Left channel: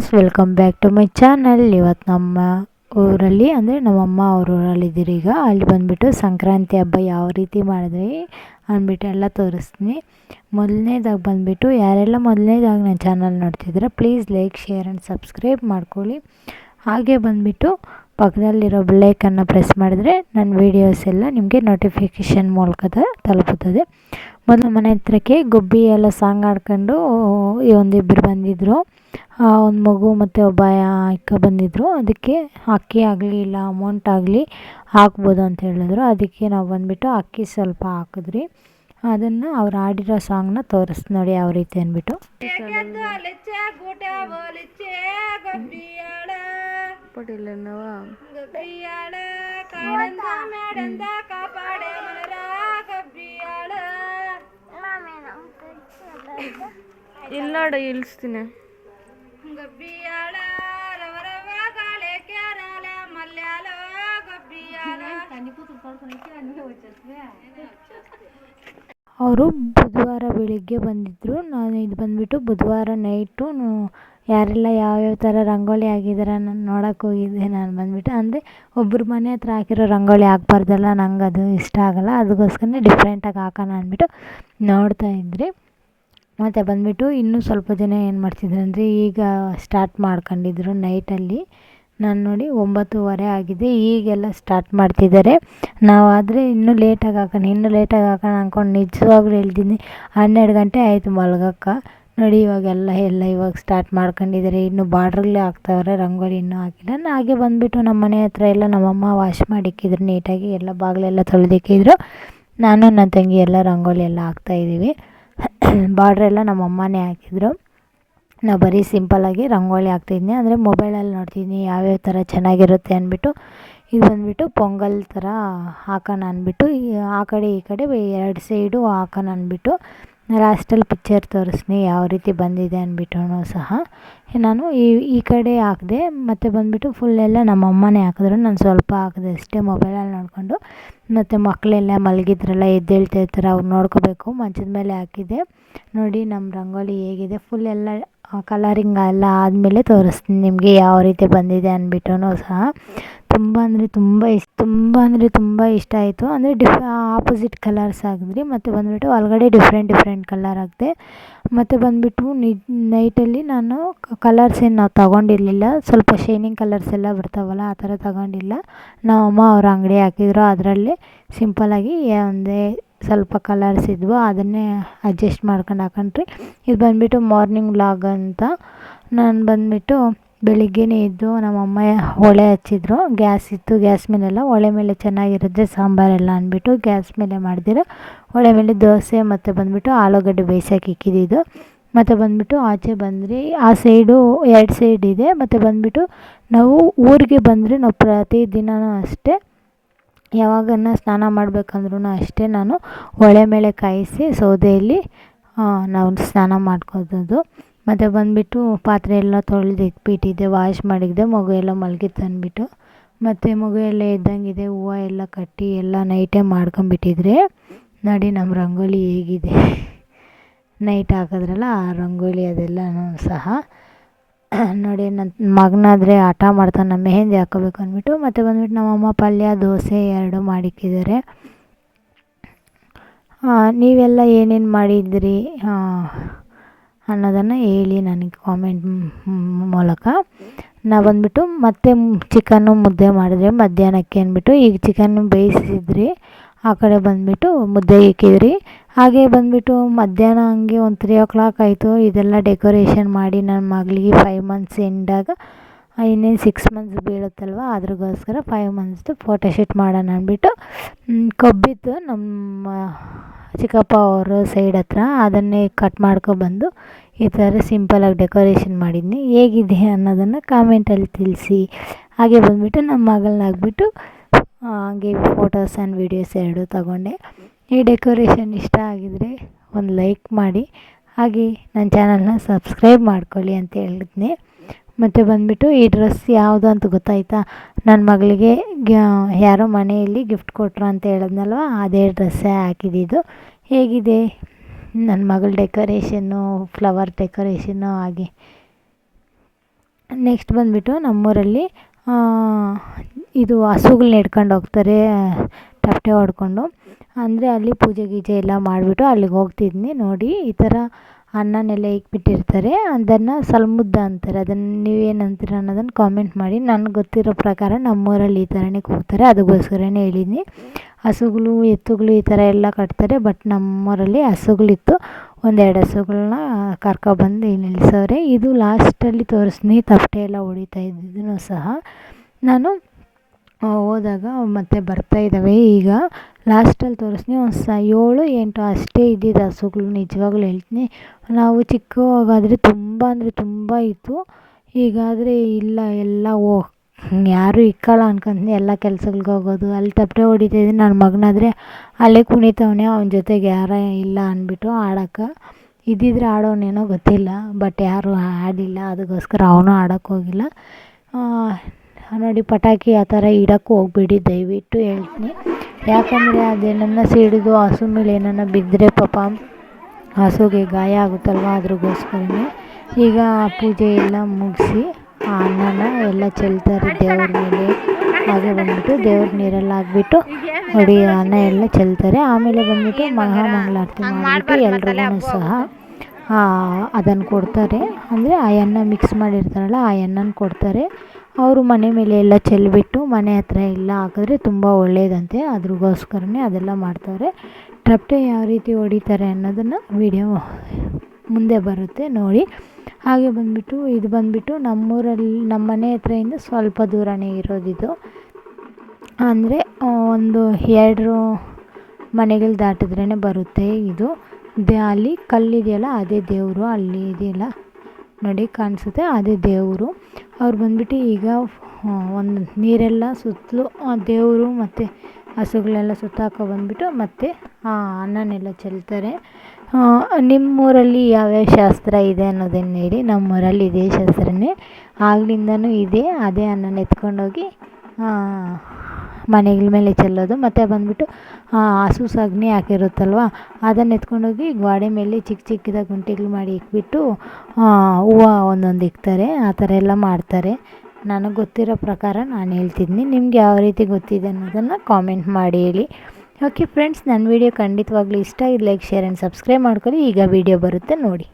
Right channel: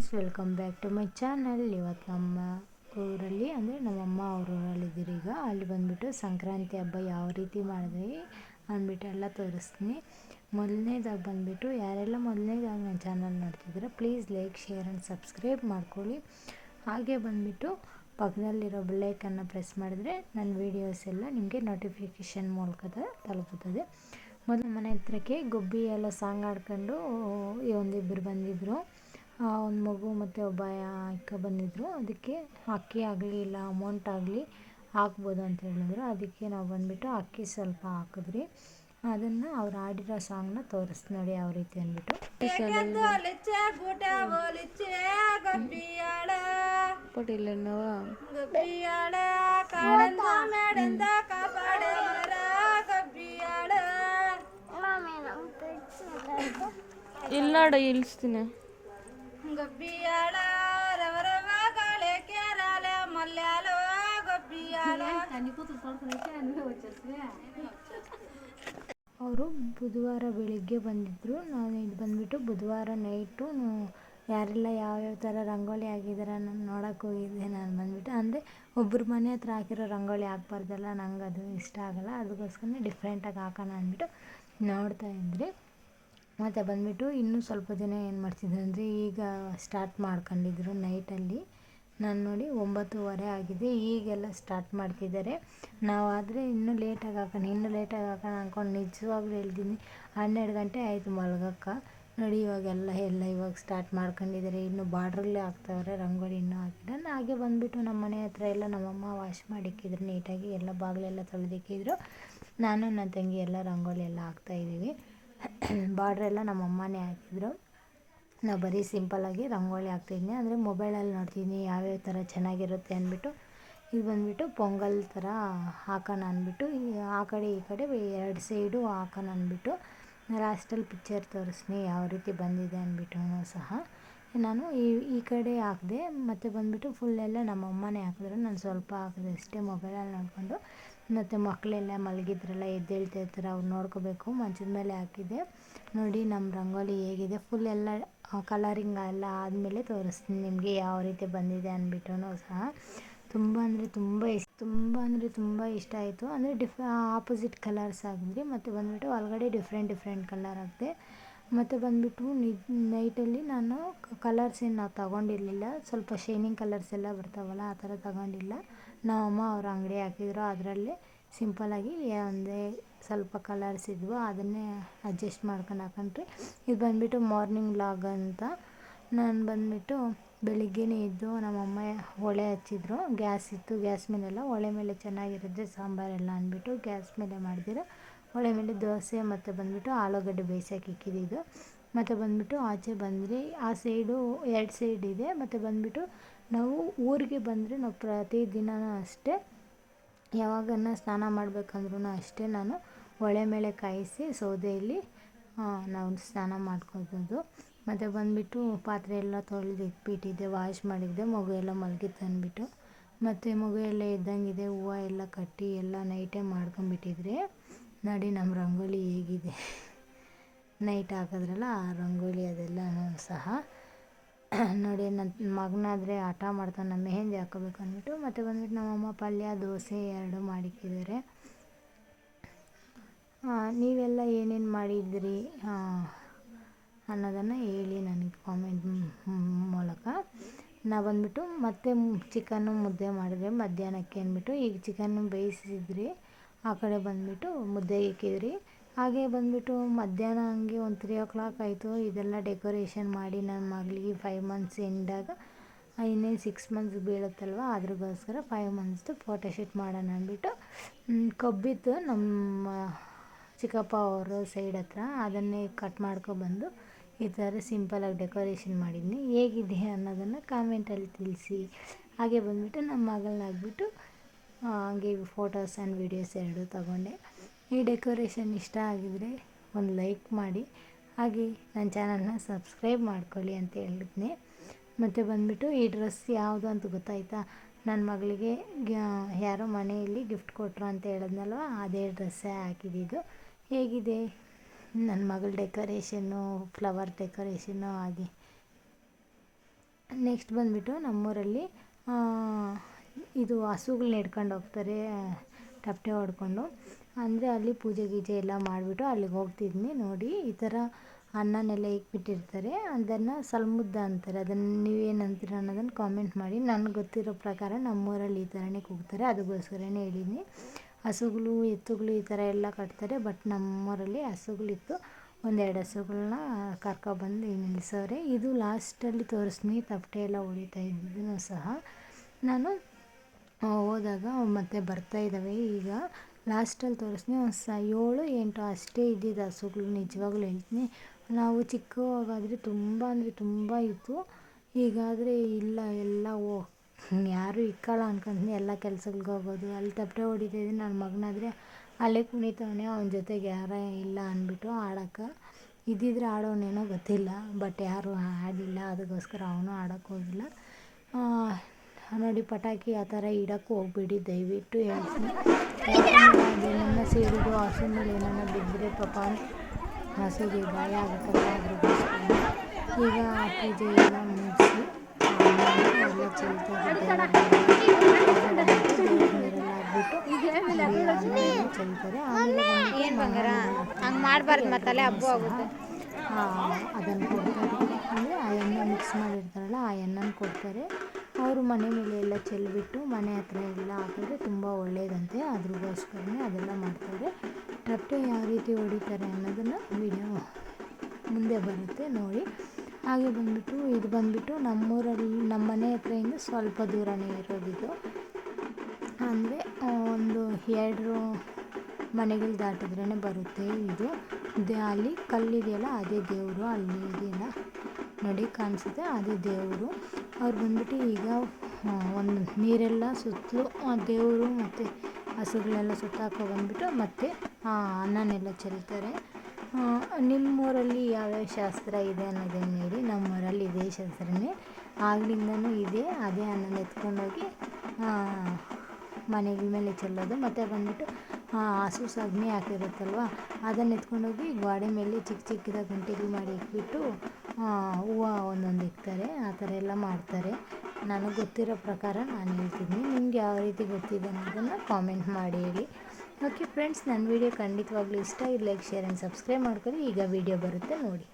Friends welcome back to my channel ಇವತ್ತು ನಮ್ಮ ಊರಲ್ಲಿ, ಅಂದರೆ ನಮ್ಮಮ್ಮ ಅವ್ರ ಊರಲ್ಲಿದ್ದೀರಿ ಈಗ ಅಲ್ಲಿ ಬಂದುಬಿಟ್ಟು ಸಂಕ್ರಾಂತಿ ಹಬ್ಬ ಯಾವ ರೀತಿ ಮಾಡಿದ್ವಿ ಅಂದ್ಬಿಟ್ಟು ಎಲ್ಲ ತೋರಿಸ್ತೀನಿ. ಮೊದಲನೇದಾಗಿ ಬಂದುಬಿಟ್ಟು, ಯಾರೆಲ್ಲ ಮೊದಲನೇದಾಗಿ ನನ್ನ ಚಾನಲ್ ನೋಡ್ತಿದ್ರೆ please like share and subscribe ಮಾಡ್ಕೊಳ್ಳಿ. ಹಾಗೆ ಬಂದುಬಿಟ್ಟು, ಪಕ್ಕದಲ್ಲಿರೋ ಬೆಲ್ಲೈಕನ್ನು ಪ್ರೆಸ್ ಮಾಡಿದ್ರೆ ನನ್ನ ವೀಡಿಯೋಸ್ ಎಲ್ಲ ನಿಮಗೆ ನೋಟಿಫಿಕೇಷನ್ ಮೂಲಕ ತಲುಪುತ್ತದೆ. ಮೊದಲು ಮನೆ ಹತ್ರಕ್ಕೆ ಗೊಬ್ಬಿ ಎಲ್ಲ ಸಾಂಗ್ ಆಡ್ಕೊಂಡು ಒಂದಿಬ್ಬರು ಬಂದಿದ್ದರು ಒಂದು ಮಗು ಮತ್ತು ಒಬ್ಬ ಅಕ್ಕ ಬಂದಿದ್ದರು ಅದಕ್ಕೆ ಅಕ್ಕಿ ಆಗಲಿ ಇಲ್ಲ ಅಮೌಂಟ್ ಆಗಲಿ ಹಾಕ್ಬೋದು ಅಂತ ಹೇಳಿದ್ರು. ಅದಕ್ಕೆ ನಾವು ಬಂದುಬಿಟ್ಟು ಅಕ್ಕಿ ಸ್ವಲ್ಪ ಹಾಕಿದ್ರಿ. ಅದನ್ನು ಅವ್ರು ಆಡಿರೋ ಸಾಂಗ್ನ ತೋರಿಸ್ ನೋಡಿ ಯಾವ ರೀತಿ ಅಂದ್ಬಿಟ್ಟು. ಇಲ್ಲಿ ನೋಡ ಇಳಿಸ್ತೀನಿ ಅವರು ಬುಧವಾರ ಬೆಳಿಗ್ಗೆ ಬಂದಿದ್ದರು ನಾನು ಇದು ಬಂದುಬಿಟ್ಟು ಬುಧವಾರ ನೈಟು ಯಾರೆಲ್ಲ ಯಾವ್ಯಾವ ಥರ ರಂಗೋಲಿ ಹಾಕಿದಾರೆ ನಾನು ನೋಡೋಕೆ ಹೋಗಿದ್ದೆ ನಾನು ಬಂದುಬಿಟ್ಟು. ಅಂದರೆ ಒಬ್ಬರು ಮನೆ ಹತ್ರ ಹಾಕಿರೋ ರಂಗೋಲಿ ಹಾಕ್ಬಾರ್ದಲ್ಲ ನಂಗೆ ಅದು ಇಷ್ಟ ಆಗೋಲ್ಲ. ಅದಕ್ಕೋಸ್ಕರ ಡಿಫ್ರೆಂಟಾಗಿ ಹಾಕೋಣ ಅಂದ್ಬಿಟ್ಟು ನೋಡ್ತಾ ಇದ್ರಿ. ಮತ್ತು ಬಂದುಬಿಟ್ಟು ಇನ್ನೂ ಸ್ವಲ್ಪ ಜನ ಏನು ಮಾಡ್ತಿದ್ರು ಅಂದರೆ ಈಗ ಸ್ಟಾರ್ಟ್ ಮಾಡ್ಕೊಂಡಿದ್ರು ನೈಟಲ್ಲಿ ನಾನು ನೋಡಿ ಒಂಬತ್ತುವರೆ ಆಗಿದೆ, ಈಗೆಲ್ಲ ಸ್ಟಾರ್ಟ್ ಮಾಡ್ತಿದ್ದಾರೆ. ನಾವಾದರೆ ಇನ್ನೂ ಲೇಟಾಗಿ ಹಾಕೋಣ, ಇನ್ನೂ ಲೇಟಾಗಿ ಹಾಕೋಣ ಅಂದ್ಕೊಂಡು ನಿಜವಾಗ್ಲೂ ಹೇಳ್ತೀನಿ, ಹನ್ನೆರಡು ಗಂಟೆ ಆಯಿತು ಮಲಗಕ್ಕ. ನೋಡಿ ಇವಾಗೆಲ್ಲ ಎಲ್ಲ ಇವಾಗ ಸ್ಟಾರ್ಟ್ ಮಾಡ್ಕೊಂಡಿದ್ದಾರೆ, ಇನ್ನು ಬಾರ್ಡ್ರಲ್ಲೇ ಹಾಕ್ತಾವ್ರೆ, ರಂಗೋಲಿ ಇನ್ನೂ ಹಾಕಿಲ್ಲ. ಹಾಗೆ ಬಂದುಬಿಟ್ಟು ನಮ್ಮ ಮನೆ ಹತ್ರ ಎಲ್ಲ ನಮ್ಮಮ್ಮ ವಾಶ್ ಮಾಡಿಕ್ಕಿದ್ರು ನೀಟಾಗಿ ಎಲ್ಲ ಬಾಗಿಲೆಲ್ಲ ತೊಳೆದಿಕ್ಕಿದ್ರು. ನಾನು, ನನ್ನ ತಂಗಿ ಎಲ್ಲ ರಂಗೋಲಿ ಎಲ್ಲ ಹಾಕ್ತಾಯಿದ್ದೀವಿ ಬಾರ್ಡ್ರೆಲ್ಲ ನಮ್ಮ ಅಮ್ಮನೇ ಹಾಕಿದ್ರು. ನಾವು ಬರೀ ಸಿಂಪಲ್ಲಾಗಿ ರಂಗೋಲಿ ಹಾಕ್ತಿದ್ನಿ. ಅಂದರೆ ಮೊಬೈಲಲ್ಲಿ ನೋಡ್ತಿದ್ನಿ, ಯಾವ್ಯಾವ ಥರ ಚೆನ್ನಾಗಿರುತ್ತೆ ಅಂದ್ಬಿಟ್ಟು. ಇದು ಬಂದುಬಿಟ್ಟು ಪೊಂಗಲ್ ಥರ ಹಾಕೋಣ ಅಂದ್ಬಿಟ್ಟು. ಆ ಕಡೆ ಈ ಕಡೆ ಎರಡು ಸೈಡು ಹಾಕೋಣ ಅಂದ್ಬಿಟ್ಟು. ಲಾಸ್ಟಲ್ಲಿ ಪಿಕ್ಚರ್ ತೋರಿಸ್ನಿ, ಯಾವ ರೀತಿ ಬಂದಿದೆ ಅಂದ್ಬಿಟ್ಟು ಸಹ. ನಾನು ಈ ಈ ಕಡೆ ಹಾಕಿದೆ, ಮತ್ತು ಬಂದುಬಿಟ್ಟು ಫುಲ್ಲೆಲ್ಲ ನಮ್ಮ ಅಮ್ಮನೇ ಹಾಕಿದ್ರು. ನಾನು ಸ್ವಲ್ಪ ಹಾಕಿದೆ ಅಷ್ಟೇ ಮೊಬೈಲಲ್ಲಿ ನೋಡಿಕೊಂಡು. ಮತ್ತು ಮಕ್ಕಳೆಲ್ಲ ಮಲಗಿದ್ರಲ್ಲ, ಎದ್ದೇಳ್ತಾ ಇರ್ತಾರೆ, ಅವ್ರು ನೋಡ್ಕೋಬೇಕು. ಮಂಚದ ಮೇಲೆ ಹಾಕಿದೆ. ನೋಡಿ ನಮ್ಮ ರಂಗೋಲಿ ಹೇಗಿದೆ. ಫುಲ್ ಎಲ್ಲ ಕಲರಿಂಗ್ ಎಲ್ಲ ಆದಮೇಲೆ ತೋರಿಸ್ತೀನಿ ನಿಮಗೆ ಯಾವ ರೀತಿ ಬಂದಿದೆ ಅಂದ್ಬಿಟ್ಟು ಸಹ. ತುಂಬ ಅಂದರೆ ತುಂಬ ಇಷ್ಟ ತುಂಬ ಅಂದರೆ ತುಂಬ ಇಷ್ಟ ಆಯಿತು. ಅಂದರೆ ಡಿಫ್ ಆಪೋಸಿಟ್ ಕಲರ್ಸ್ ಆಗಿದ್ರಿ, ಮತ್ತು ಬಂದುಬಿಟ್ಟು ಒಳಗಡೆ ಡಿಫ್ರೆಂಟ್ ಡಿಫ್ರೆಂಟ್ ಕಲರ್ ಆಗಿದೆ. ಮತ್ತು ಬಂದುಬಿಟ್ಟು ನೈಟಲ್ಲಿ ನಾನು ಕಲರ್ಸ್ ಏನು ನಾವು ತೊಗೊಂಡಿರಲಿಲ್ಲ. ಸ್ವಲ್ಪ ಶೈನಿಂಗ್ ಕಲರ್ಸ್ ಎಲ್ಲ ಬರ್ತಾವಲ್ಲ, ಆ ಥರ ತಗೊಂಡಿಲ್ಲ. ನಮ್ಮಮ್ಮ ಅವ್ರ ಅಂಗಡಿ ಹಾಕಿದ್ರು, ಅದರಲ್ಲಿ ಸಿಂಪಲ್ಲಾಗಿ ಒಂದೇ ಸ್ವಲ್ಪ ಕಲರ್ಸ್ ಇದ್ವು, ಅದನ್ನೇ ಅಡ್ಜಸ್ಟ್ ಮಾಡ್ಕೊಂಡು ಹಾಕೊಂಡ್ರಿ ಇದು ಬಂದುಬಿಟ್ಟು ಮಾರ್ನಿಂಗ್ ವ್ಲಾಗ್ ಅಂತ. ನಾನು ಬಂದುಬಿಟ್ಟು ಬೆಳಿಗ್ಗೆನೇ ಎದ್ದು ನಮ್ಮಮ್ಮ ಒಲೆ ಹಚ್ಚಿದ್ರು. ಗ್ಯಾಸ್ ಇತ್ತು, ಗ್ಯಾಸ್ ಮೇಲೆಲ್ಲ. ಒಲೆ ಮೇಲೆ ಚೆನ್ನಾಗಿರುತ್ತೆ ಸಾಂಬಾರೆಲ್ಲ ಅಂದ್ಬಿಟ್ಟು ಗ್ಯಾಸ್ ಮೇಲೆ ಮಾಡಿದಿರೋ. ಒಲೆ ಮೇಲೆ ದೋಸೆ ಮತ್ತು ಬಂದುಬಿಟ್ಟು ಆಲೂಗಡ್ಡೆ ಬೇಯಿಸೋಕೆ ಇಕ್ಕಿದ್ದು ಮತ್ತು ಬಂದುಬಿಟ್ಟು ಆಚೆ ಬಂದ್ರಿ, ಆ ಸೈಡು ಎರಡು ಸೈಡ್ ಇದೆ. ಮತ್ತು ಬಂದುಬಿಟ್ಟು ನಾವು ಊರಿಗೆ ಬಂದರೆ ನಾವು ಪ್ರತಿದಿನವೂ ಅಷ್ಟೇ. ಯಾವಾಗನ್ನ ಸ್ನಾನ ಮಾಡಬೇಕಂದ್ರೂ ಅಷ್ಟೇ ನಾನು ಒಲೆ ಮೇಲೆ ಕಾಯಿಸಿ ಸೌದೆಯಲ್ಲಿ ನಾವು ಸ್ನಾನ ಮಾಡ್ಕೋದು ಮತ್ತು ಬಂದುಬಿಟ್ಟು ಪಾತ್ರೆ ಎಲ್ಲ ತೊಳೆದು ಇಟ್ಬಿಟ್ಟಿದ್ದೆ ವಾಶ್ ಮಾಡಿದ್ದೆ, ಮಗು ಎಲ್ಲ ಮಲಗಿತ್ತು ಅಂದ್ಬಿಟ್ಟು ಮತ್ತು ಮಗು ಎಲ್ಲ ಇದ್ದಂಗಿದೆ ಹೂವು ಎಲ್ಲ ಕಟ್ಟಿ ಎಲ್ಲ ನೈಟೇ ಮಾಡ್ಕೊಂಬಿಟ್ಟಿದ್ರೆ ನೋಡಿ ನಮ್ಮ ರಂಗೋಲಿ ಹೇಗಿದೆ. ನೈಟ್ ಹಾಕಿದ್ರಲ್ಲ ಆ ರಂಗೋಲಿ ಅದೆಲ್ಲನೂ ಸಹ. ನೋಡಿ ನನ್ನ ಮಗನಾದರೆ ಆಟ ಮಾಡ್ತಾನೆ ಮೆಹೆಂದಿ ಹಾಕೋಬೇಕು ಅಂದ್ಬಿಟ್ಟು. ಮತ್ತು ಬಂದ್ಬಿಟ್ಟು ನಮ್ಮಮ್ಮ ಪಲ್ಯ, ದೋಸೆ ಎರಡು ಮಾಡಿಕ್ಕಿದ್ದಾರೆ. ನೀವೆಲ್ಲ ಏನೇನು ಮಾಡಿದ್ರಿ? ಅನ್ನೋದನ್ನು ಹೇಳಿ ನನಗೆ ಕಾಮೆಂಟ್ ಮೂಲಕ. ನಾ ಬಂದುಬಿಟ್ಟು ಮತ್ತೆ ಚಿಕನ್ನು ಮುದ್ದೆ ಮಾಡಿದ್ರೆ ಮಧ್ಯಾಹ್ನಕ್ಕೆ ಅಂದ್ಬಿಟ್ಟು, ಈಗ ಚಿಕನ್ ಬೇಯಿಸಿದ್ರಿ, ಆ ಕಡೆ ಬಂದುಬಿಟ್ಟು ಮುದ್ದೆ ಇಕ್ಕಿದ್ರಿ. ಹಾಗೆ ಬಂದುಬಿಟ್ಟು ಮಧ್ಯಾಹ್ನ ಹಂಗೆ ಒಂದು ತ್ರೀ ಓ ಕ್ಲಾಕ್ ಆಯಿತು, ಇದೆಲ್ಲ ಡೆಕೋರೇಷನ್ ಮಾಡಿ ನನ್ನ ಮಗಳಿಗೆ ಫೈವ್ ಮಂತ್ಸ್ ಎಂಡಾಗ ಇನ್ನೇನು ಸಿಕ್ಸ್ ಮಂತ್ಸ್ ಬೀಳುತ್ತಲ್ವ, ಅದ್ರಗೋಸ್ಕರ ಫೈವ್ ಮಂತ್ಸ್ದು ಫೋಟೋಶೂಟ್ ಮಾಡೋಣ ಅಂದ್ಬಿಟ್ಟು ಕೊಬ್ಬಿತ್ತು ನಮ್ಮ ಚಿಕ್ಕಪ್ಪ ಅವರು ಸೈಡ್ ಹತ್ರ ಅದನ್ನೇ ಕಟ್ ಮಾಡ್ಕೊಬಂದು ಈ ಥರ ಸಿಂಪಲಾಗಿ ಡೆಕೋರೇಷನ್ ಮಾಡಿದ್ನಿ. ಹೇಗಿದೆ ಅನ್ನೋದನ್ನು ಕಾಮೆಂಟಲ್ಲಿ ತಿಳಿಸಿ. ಹಾಗೆ ಬಂದುಬಿಟ್ಟು ನಮ್ಮ ಮಗಳನ್ನಾಗ್ಬಿಟ್ಟು ಹಾಗೆ ಫೋಟೋಸ್ ಆ್ಯಂಡ್ ವೀಡಿಯೋಸ್ ಎರಡು ತಗೊಂಡೆ. ಈ ಡೆಕೋರೇಷನ್ ಇಷ್ಟ ಆಗಿದರೆ ಒಂದು ಲೈಕ್ ಮಾಡಿ. ಹಾಗೆ ನನ್ನ ಚಾನಲ್ನ ಸಬ್ಸ್ಕ್ರೈಬ್ ಮಾಡ್ಕೊಳ್ಳಿ ಅಂತ ಹೇಳಿದ್ನಿ. ಮತ್ತು ಬಂದುಬಿಟ್ಟು ಈ ಡ್ರೆಸ್ ಯಾವುದು ಅಂತ ಗೊತ್ತಾಯ್ತಾ? ನನ್ನ ಮಗಳಿಗೆ ಯಾರೋ ಮನೆಯಲ್ಲಿ ಗಿಫ್ಟ್ ಕೊಟ್ಟರು ಅಂತ ಹೇಳಿದ್ನಲ್ವ, ಅದೇ ಡ್ರೆಸ್ಸೇ ಹಾಕಿದ್ದಿದ್ದು ಹೇಗಿದೆ? ನನ್ನ ಮಗಳ ಡೆಕೋರೇಷನ್ನು, ಫ್ಲವರ್ ಡೆಕೋರೇಷನ್ನು ಹಾಗೆ. ನೆಕ್ಸ್ಟ್ ಬಂದುಬಿಟ್ಟು ನಮ್ಮೂರಲ್ಲಿ ಇದು ಹಸುಗಳನ್ನ ಹಿಡ್ಕೊಂಡು ಹೋಗ್ತಾರೆ ತಪ್ಪೆ ಹೊಡ್ಕೊಂಡು. ಅಂದರೆ ಅಲ್ಲಿ ಪೂಜೆ ಗೀಜೆ ಎಲ್ಲ ಮಾಡಿಬಿಟ್ಟು ಅಲ್ಲಿಗೆ ಹೋಗ್ತಿದ್ನಿ ನೋಡಿ. ಈ ಥರ ಅನ್ನನೆಲ್ಲ ಇಕ್ಬಿಟ್ಟಿರ್ತಾರೆ ಅದನ್ನು ಸಲ್ಮುದ್ದ ಅಂತಾರೆ. ಅದನ್ನು ನೀವೇನಂತೀರ ಅನ್ನೋದನ್ನು ಕಾಮೆಂಟ್ ಮಾಡಿ. ನನಗೆ ಗೊತ್ತಿರೋ ಪ್ರಕಾರ ನಮ್ಮೂರಲ್ಲಿ ಈ ಥರನೇ ಕೂಗ್ತಾರೆ. ಅದಕ್ಕೋಸ್ಕರನೇ ಹೇಳಿದ್ದೀನಿ ಹಸುಗಳು, ಎತ್ತುಗಳು ಈ ಥರ ಎಲ್ಲ ಕಟ್ತಾರೆ. ಬಟ್ ನಮ್ಮೂರಲ್ಲಿ ಹಸುಗಳಿತ್ತು. ಒಂದೆರಡು ಹಸುಗಳನ್ನ ಕರ್ಕೊಬಂದು ನಿಲ್ಲಿಸೋರೆ ಇದು ಲಾಸ್ಟಲ್ಲಿ ತೋರಿಸ್ತೀನಿ. ತಪ್ಪೆ ಎಲ್ಲ ಹೊಡಿತಾ ಇದ್ದಿದ್ದನ್ನು ಸಹ. ನಾನು ಹೋದಾಗ ಮತ್ತೆ ಬರ್ತಾ ಇದ್ದಾವೆ ಈಗ. ಲಾಸ್ಟಲ್ಲಿ ತೋರಿಸ್ನಿ ಒಂದು ಸ ಏಳು, ಎಂಟು, ಅಷ್ಟೇ ಇದ್ದಿದ್ದು ಹಸುಗಳು. ನಿಜವಾಗ್ಲೂ ಹೇಳ್ತೀನಿ, ನಾವು ಚಿಕ್ಕವಾಗಾದರೆ ತುಂಬ ಅಂದರೆ ತುಂಬ ಇತ್ತು. ಈಗಾದರೆ ಇಲ್ಲ, ಎಲ್ಲ ಓ, ಯಾರೂ ಇಕ್ಕಲ್ಲ ಅನ್ಕೊಂತೀನಿ. ಎಲ್ಲ ಕೆಲ್ಸಗಳ್ಗೆ ಹೋಗೋದು, ಅಲ್ಲಿ ತಪ್ಪಟೆ ಹೊಡಿತಾಯಿದ್ದೀನಿ ನನ್ನ ಮಗನಾದರೆ ಅಲ್ಲೇ ಕುಣಿತವನೇ, ಅವನ ಜೊತೆಗೆ ಯಾರ ಇಲ್ಲ ಅಂದ್ಬಿಟ್ಟು ಆಡೋಕೆ ಇದ್ದಿದ್ರೆ ಆಡೋನೇನೋ ಗೊತ್ತಿಲ್ಲ, ಬಟ್ ಯಾರೂ ಆಡಿಲ್ಲ. ಅದಕ್ಕೋಸ್ಕರ ಅವನು ಆಡೋಕ್ಕೋಗಿಲ್ಲ ನೋಡಿ ಪಟಾಕಿ ಆ ಥರ ಇಡೋಕ್ಕೂ ಹೋಗ್ಬೇಡಿ ದಯವಿಟ್ಟು ಹೇಳ್ತೀನಿ. ಯಾಕಂದರೆ ಅದೇನನ್ನ ಸಿಡಿದು ಹಸು ಮೇಲೆ ಏನನ್ನ ಬಿದ್ದರೆ ಪಾಪ ಹಸುಗೆ ಗಾಯ ಆಗುತ್ತಲ್ವ ಅದ್ರಗೋಸ್ಕರನೇ. ಈಗ ಪೂಜೆ ಎಲ್ಲ ಮುಗಿಸಿ ಆ ಅನ್ನನ ಎಲ್ಲ ಚೆಲ್ತಾರೆ ದೇವ್ರ ಮೇಲೆ. ಅದು ಬಂದ್ಬಿಟ್ಟು ದೇವ್ರ ನೀರೆಲ್ಲ ಹಾಕ್ಬಿಟ್ಟು ನೋಡಿ ಅನ್ನ ಎಲ್ಲ ಚೆಲ್ತಾರೆ. ಆಮೇಲೆ ಬಂದ್ಬಿಟ್ಟು ಮಹಾಮಂಗಳಾರತಿ ಮಾಡಿಬಿಟ್ಟು ಎಲ್ಲರೂ ಸಹ ಅದನ್ನು ಕೊಡ್ತಾರೆ. ಅಂದರೆ ಆ ಎಣ್ಣೆ ಮಿಕ್ಸ್ ಮಾಡಿರ್ತಾರಲ್ಲ ಆ ಎಣ್ಣೆನ ಕೊಡ್ತಾರೆ. ಅವರು ಮನೆ ಮೇಲೆ ಎಲ್ಲ ಚೆಲ್ಬಿಟ್ಟು ಮನೆ ಹತ್ರ ಎಲ್ಲ ಹಾಕಿದ್ರೆ ತುಂಬ ಒಳ್ಳೆಯದಂತೆ ಅದ್ರಿಗೋಸ್ಕರನೇ ಅದೆಲ್ಲ ಮಾಡ್ತಾರೆ. ಟ್ರಪ್ಟೆ ಯಾವ ರೀತಿ ಹೊಡಿತಾರೆ ಅನ್ನೋದನ್ನು ವಿಡಿಯೋ ಮುಂದೆ ಬರುತ್ತೆ, ನೋಡಿ. ಹಾಗೆ ಬಂದುಬಿಟ್ಟು, ಇದು ಬಂದುಬಿಟ್ಟು ನಮ್ಮೂರಲ್ಲಿ, ನಮ್ಮ ಮನೆ ಹತ್ರದಿಂದ ಸ್ವಲ್ಪ ದೂರನೇ ಇರೋದಿದು. ಅಂದರೆ ಒಂದು ಎರಡು ಮನೆಗಳು ದಾಟಿದ್ರೇ ಬರುತ್ತೆ ಇದು. ದೇ, ಅಲ್ಲಿ ಕಲ್ಲಿದೆಯಲ್ಲ, ಅದೇ ದೇವರು, ಅಲ್ಲಿ ಇದೆಯಲ್ಲ. ನೋಡಿ, ಕಾಣಿಸುತ್ತೆ, ಅದೇ ದೇವರು. ಅವ್ರು ಬಂದ್ಬಿಟ್ಟು ಈಗ ಒಂದು ನೀರೆಲ್ಲ ಸುತ್ತಲೂ ದೇವರು ಮತ್ತು ಹಸುಗಳೆಲ್ಲ ಸುತ್ತಾಕೊ ಬಂದ್ಬಿಟ್ಟು ಮತ್ತೆ ಆ ಅನ್ನನೆಲ್ಲ ಚೆಲ್ತಾರೆ. ನಿಮ್ಮೂರಲ್ಲಿ ಯಾವ್ಯಾವ ಶಾಸ್ತ್ರ ಇದೆ ಅನ್ನೋದನ್ನು ಹೇಳಿ, ನಮ್ಮೂರಲ್ಲಿ ಇದೇ ಶಾಸ್ತ್ರನೇ. ಆಗ್ಲಿಂದನೂ ಇದೆ, ಅದೇ ಅನ್ನನ ಎತ್ಕೊಂಡೋಗಿ ಮನೆಗಳ ಮೇಲೆ ಚೆಲ್ಲೋದು, ಮತ್ತು ಬಂದ್ಬಿಟ್ಟು ಹಸು ಸಗಣಿ ಹಾಕಿರುತ್ತಲ್ವ? ಅದನ್ನು ಎತ್ಕೊಂಡೋಗಿ ಗೋಡೆ ಮೇಲೆ ಚಿಕ್ಕ ಚಿಕ್ಕದಾಗಿ ಗುಂಟಿಗಳು ಮಾಡಿ ಇಕ್ಬಿಟ್ಟು ಹೂವು ಒಂದೊಂದು ಇಕ್ತಾರೆ, ಆ ಥರ ಎಲ್ಲ ಮಾಡ್ತಾರೆ. ನನಗೆ ಗೊತ್ತಿರೋ ಪ್ರಕಾರ ನಾನು ಹೇಳ್ತಿದ್ದೀನಿ ನಿಮ್ಗೆ ಯಾವ ರೀತಿ ಗೊತ್ತಿದೆ ಅನ್ನೋದನ್ನು ಕಾಮೆಂಟ್ ಮಾಡಿ ಹೇಳಿ. ಓಕೆ ಫ್ರೆಂಡ್ಸ್ ನನ್ನ ವೀಡಿಯೋ ಖಂಡಿತವಾಗ್ಲೂ ಇಷ್ಟ ಆಗಿದೆ. ಲೈಕ್ ಶೇರ್ ಆ್ಯಂಡ್ ಸಬ್ಸ್ಕ್ರೈಬ್ ಮಾಡ್ಕೊಳ್ಳಿ. ಈಗ ವೀಡಿಯೋ ಬರುತ್ತೆ ನೋಡಿ.